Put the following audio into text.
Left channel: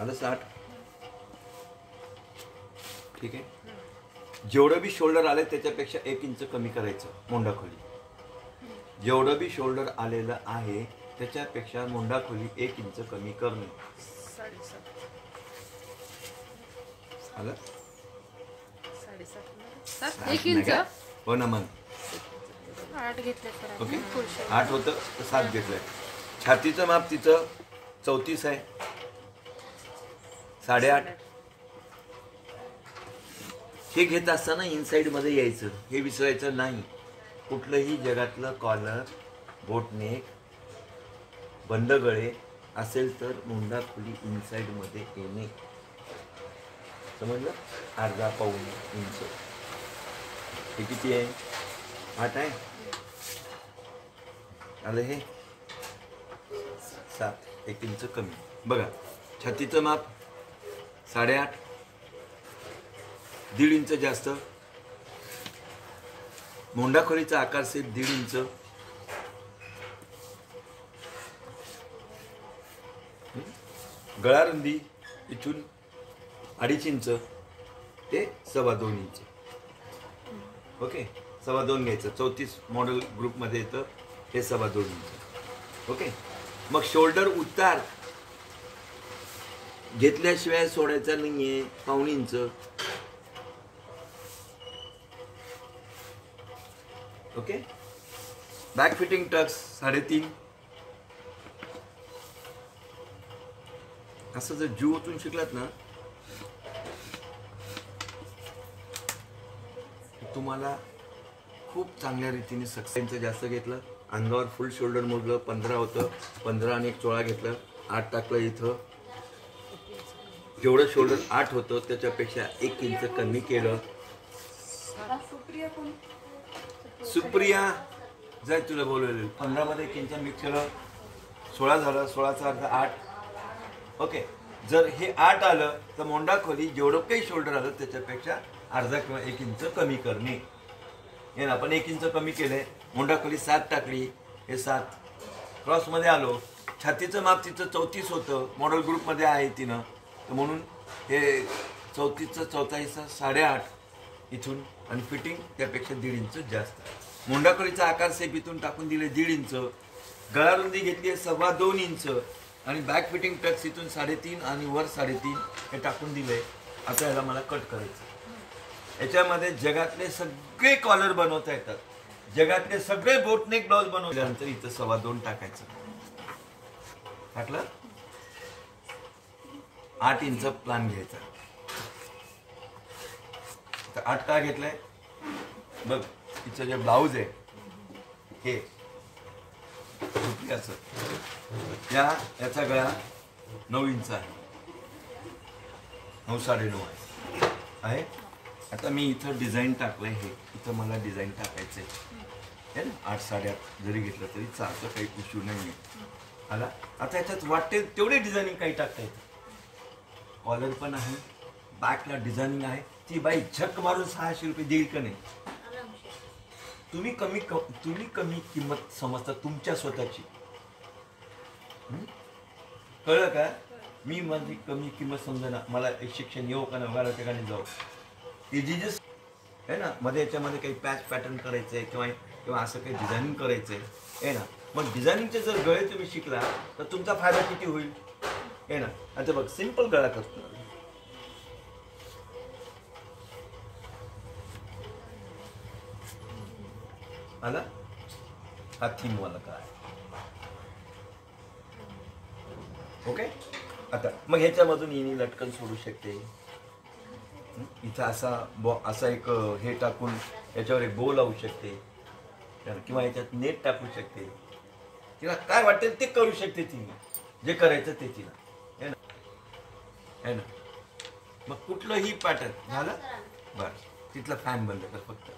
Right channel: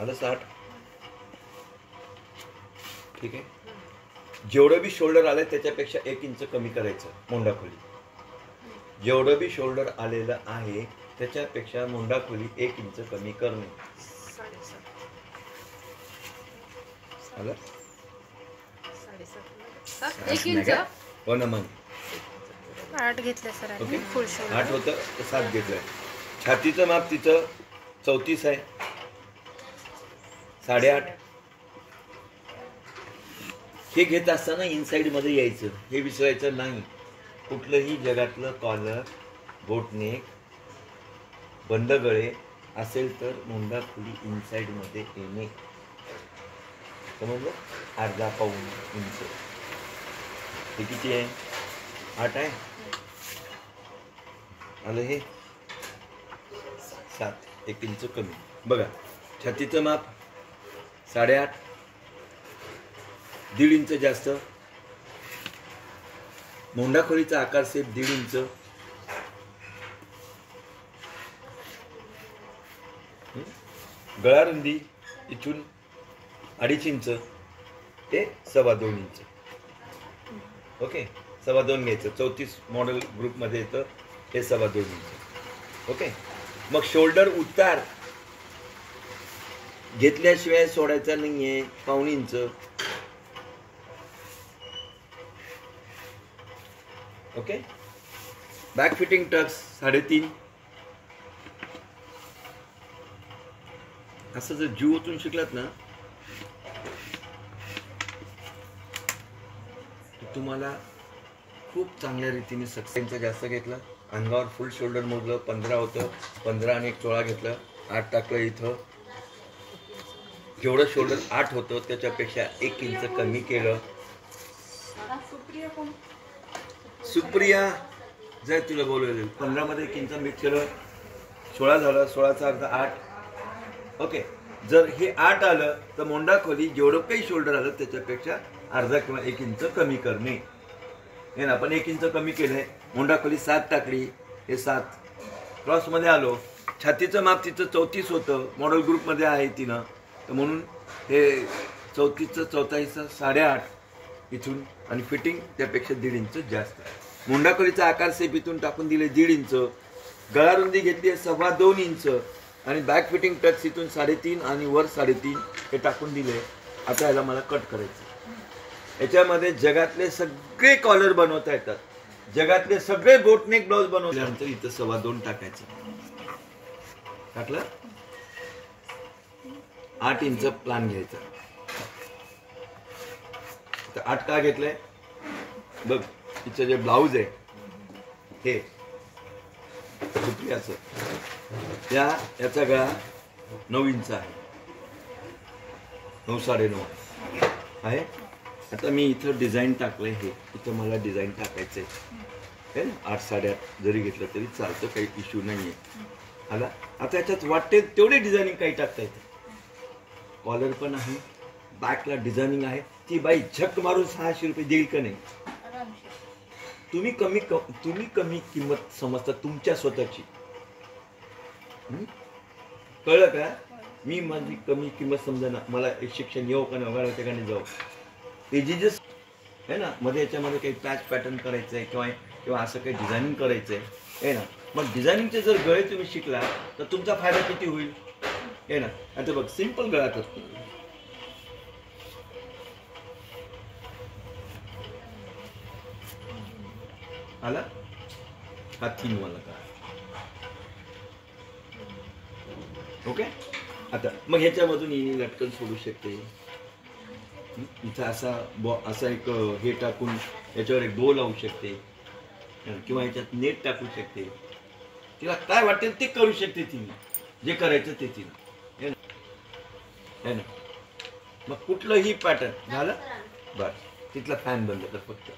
आलं 60. ठीक आहे. जेवढं बी शोल्डर आलं त्याच्यापेक्षा 1 इंच कमी करायचं मोंडा खोली. जेवढं बी शोल्डर आलेलं आहे त्याच्यापेक्षा मोंडा खोली 1 इंच कमी करणे. आलं 1 इंच. हो ना मग 8 घेतलं सर. ओके 8 होतं तर 7 घेतलं. छातीचं माप तिचं 34 आहे. 8.5 हे घेत असताना इनसाइड मध्ये यायचं, हे विसरायचं नाही. कुठलंही जगातलं कॉलर, बोटनेक, बंद गळे असेल तर मोंडा खोली इनसाइड मध्ये येणे. समजलं? अर्धा पाऊण इंच. हे किती आहे? 8 आहे. आलं हे 7, 1 इंच कमी. बघा छातीचं माप 8.5, 1.5 इंच जास्त. मोंडा खोलीचा आकार सेम 1.5 इंच. गळा रुंदी इथून 2.5 इंच ते 2.25 इंच. ओके 2.25 घ्यायचं. 34 मॉडेल ग्रुप मध्ये येतं हे 2.25 इंच. ओके मग शोल्डर उतार घेतल्याशिवाय सोडायचा नाहीये. 1.25 inch. Okay back fitting tucks 3.5. असं जर जीव ओतून शिकलात ना तुम्हाला खूप चांगल्या रीतीने सक्सेसचं जास्त घेतलं. अंगावर फुल शोल्डर मोजलं 15 होतं. 15 आणि 1 चोळा घेतलं. 8 टाकलं इथं. जेवढं शोल्डर 8 होतं त्याच्यापेक्षा 1 इंच कमी केलं. सुप्रिया जाय तुला बोलवलेलं 15 मध्ये 1 इंच मिक्स केलं. 16 झालं. 16चा अर्थ 8. ओके जर हे 8 आलं तर मोंडा खोली जेवढं काही शोल्डर आलं त्याच्यापेक्षा अर्धा किंवा 1 इंच कमी करणे. हे ना आपण 1 इंच कमी केलंय. मोंडा खोली 7 टाकली. हे 7 क्रॉस मध्ये आलो. छातीचं माप तिचं 34 होतं. मॉडेल ग्रुप मध्ये आहे तिनं तर म्हणून हे 34चं 44चं 8.5 इथून आणि फिटिंग त्यापेक्षा 1.5 इंच जास्त. मोंडा खोलीचा आकार सेप इथून टाकून दिले 1.5 इंच. गळा रुंदी घेतली 2.25 इंच आणि बॅक फिटिंग टक्स इथून 3.5 आणि वर 3.5 हे टाकून दिले. आता याला मला कट करायचं. याच्यामध्ये जगातले सगळे कॉलर बनवता येतात. जगातले सगळे बोटनेक ब्लाउज बनवल्यानंतर इथं 2.25 टाकायचं. टाकलं 8 इंच प्लान घ्यायचा. 8 का घेतलंय बघ. तिचं जे ब्लाऊज आहे हे याचा गळा 9 इंच आहे. 9 9.5 आहे. आता मी इथं डिझाईन टाकलंय. हे इथं मला डिझाईन टाकायचंय है ना. 8 8.5 जरी घेतलं तरी चालतं. काही इश्यू नाहीये. आला आता याच्यात वाटते तेवढे डिझायनिंग काही टाकता येते. कॉलर पण आहे. बॅकला डिझायनिंग आहे. ती बाई झक मारून 600 रुपये देईल का नाही. तुम्ही कमी किंमत समजता तुमच्या स्वतःची. कळलं का. मी माझी कमी किंमत समजा ना. मला शिक्षण येऊ का नाही त्या ठिकाणी जाऊ. ते जिजस आहे ना मध्ये याच्यामध्ये काही पॅच पॅटर्न करायचंय किंवा असं काही डिझायनिंग करायचंय आहे ना. मग डिझायनिंगचे जर गळे तुम्ही शिकला तर तुमचा फायदा किती होईल आहे ना. आता बघ सिंपल गळा करतो. आला हा 3 वाला का. ओके आता मग ह्याच्यामधून येणे लटकन सोडू शकते. इथं असा एक हे टाकून याच्यावर एक बो लावू शकते किंवा याच्यात नेट टाकू शकते. तिला काय वाटेल ते करू शकते. तिने जे करायचं ते तिला है ना. मग कुठलंही पॅटर्न झालं बस. तिथला फॅन बंद कर फक्त.